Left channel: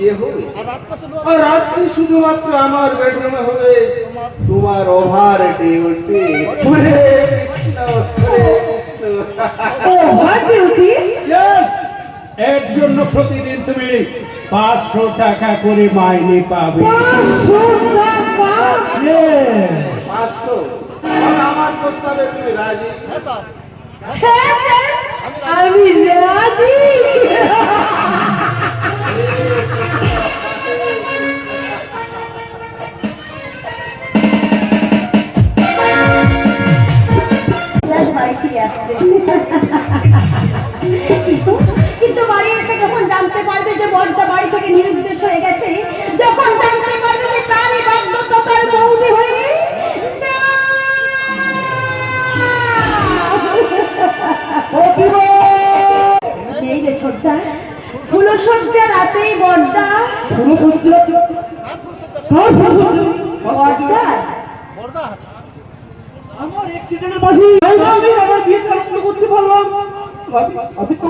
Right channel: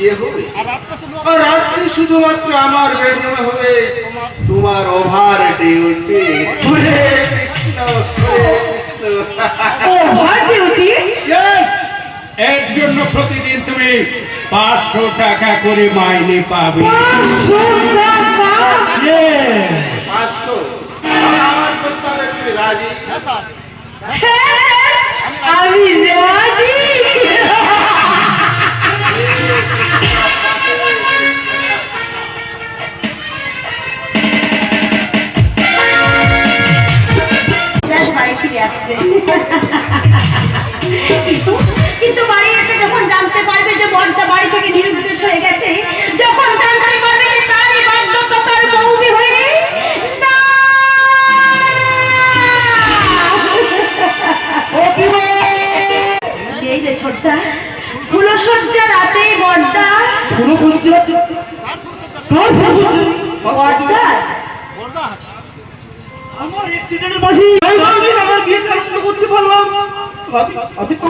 বিয়ে হবে আর রাত্রি শুধুমাত্র আমার বেডরুমে হবে তোমার over duty. Hare Krishna Hare Krishna. Over duty? Yes, এর জন্য প্রতিদিন তুমি 500 টাকা করে মাইনে পাবে। 500 টাকা? ইয়েস। 500? তাহলে আমার প্রস্তাবে তুমি রাজি? হ্যাঁ, আমি রাজি। বাড়ি ফিরে আসছে, কিন্তু বাড়ি এসে যখন জানতে পারবে যে বড়টা বাড়ি থেকে নিরুদ্দেশ হয়ে গেছে, যখন জানতে পারবে যে তারই বাধ্যতা তার বৌদি হয়ে এই যে ছোটটা ফুলসজ্জা রাতে বড়দা আমার অ্যাক্সিডেন্টের বাসি আমার বিয়েতে আনন্দ করতে পারলাম। আমি তো